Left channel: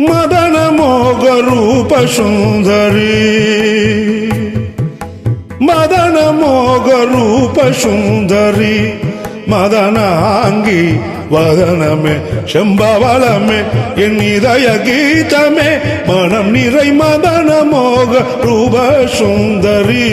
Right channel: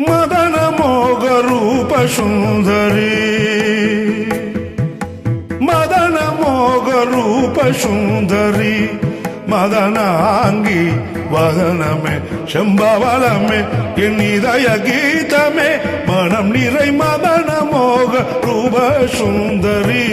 मदन मोग रूप सुंदरी मदन मोग रूप सुंदरी मदनांगी वदनमे शंभवलमे इदय गीतमे मनम निरै मदन मोग रूप सुंदरी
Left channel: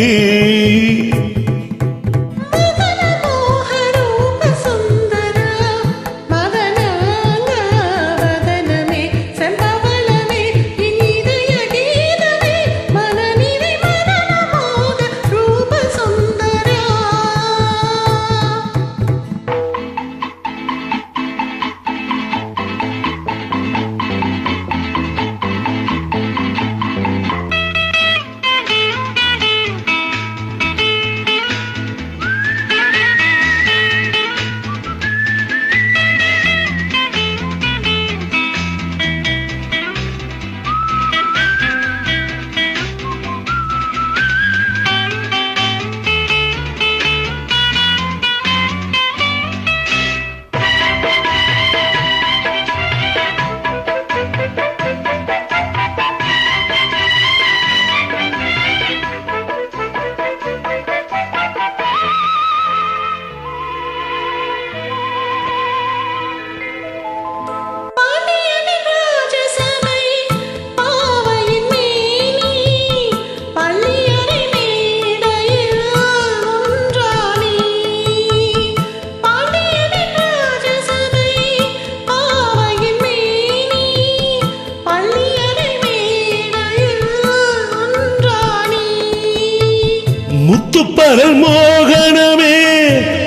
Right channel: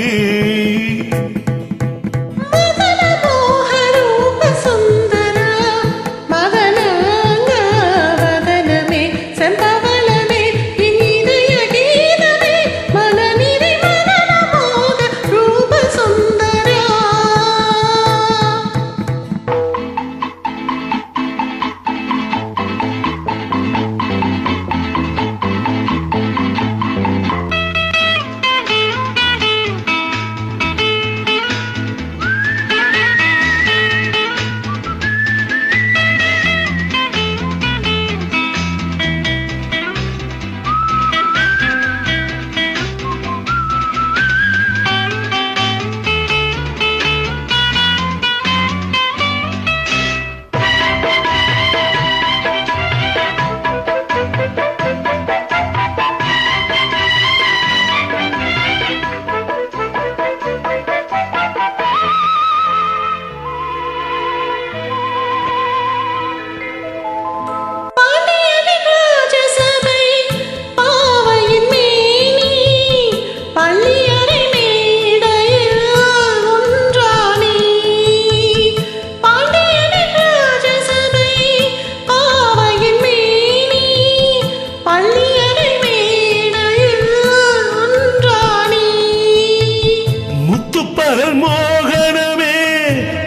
முத்துப்பரல் மோகனமே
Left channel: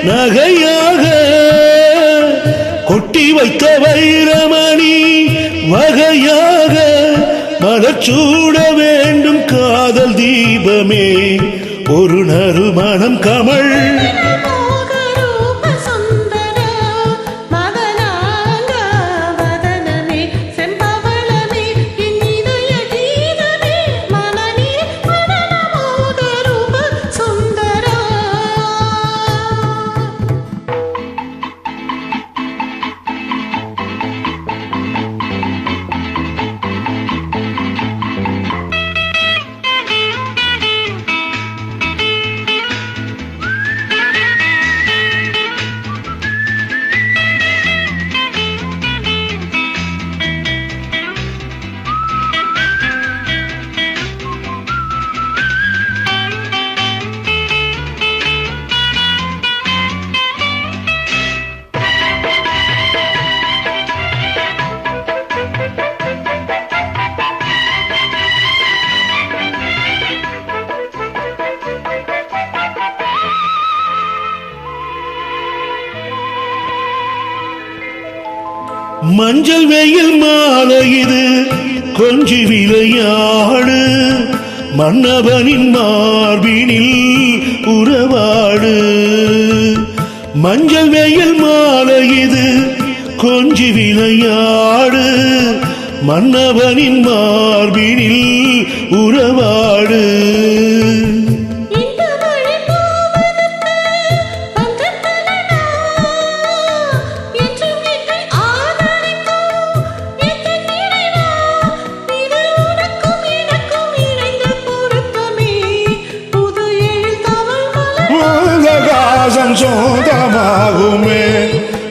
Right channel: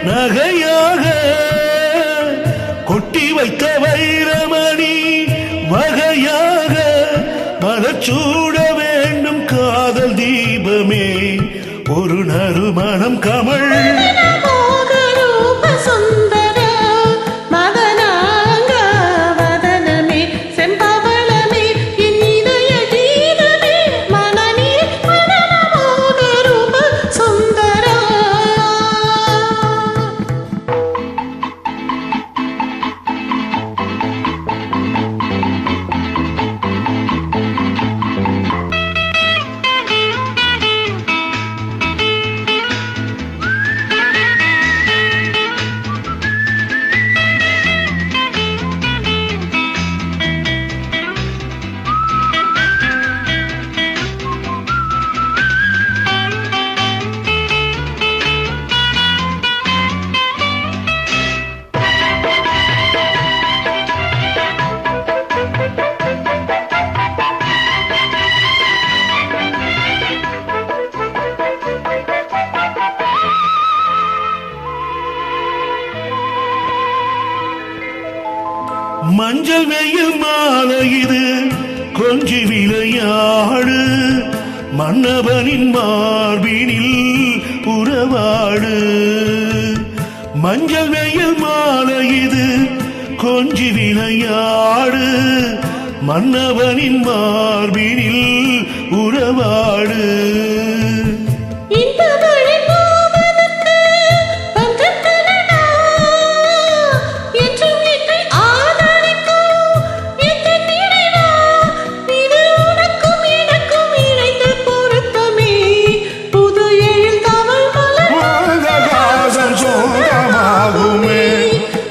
நகையாக கொட்டி வைத்த வைரமணி வகையாக மலர்ச்சூட வேண்டும் காதல் தீபமே ஒரு நறுமணம் கமழ் மஞ்சள் வெயில் மாலை இது கொஞ்சி விளையாடு மன்னவனின் மார்பினில் உறவாடு மஞ்சள் வெயில் மாலை இது கொஞ்சி விளையாடு மன்னவனின் மார்பினில் உறவாடு சொந்தமாகுமே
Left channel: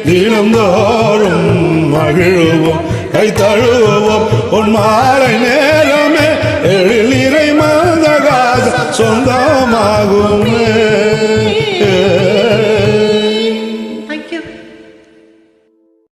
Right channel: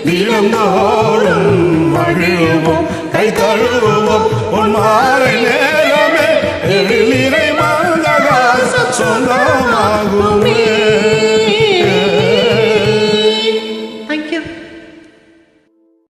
தினந்தோறும் மகிழ்வோம் கை தழுவோம் உன் மாலை நேரமே எழில் நிறை மந்தகாசம் சொந்தமாகுமே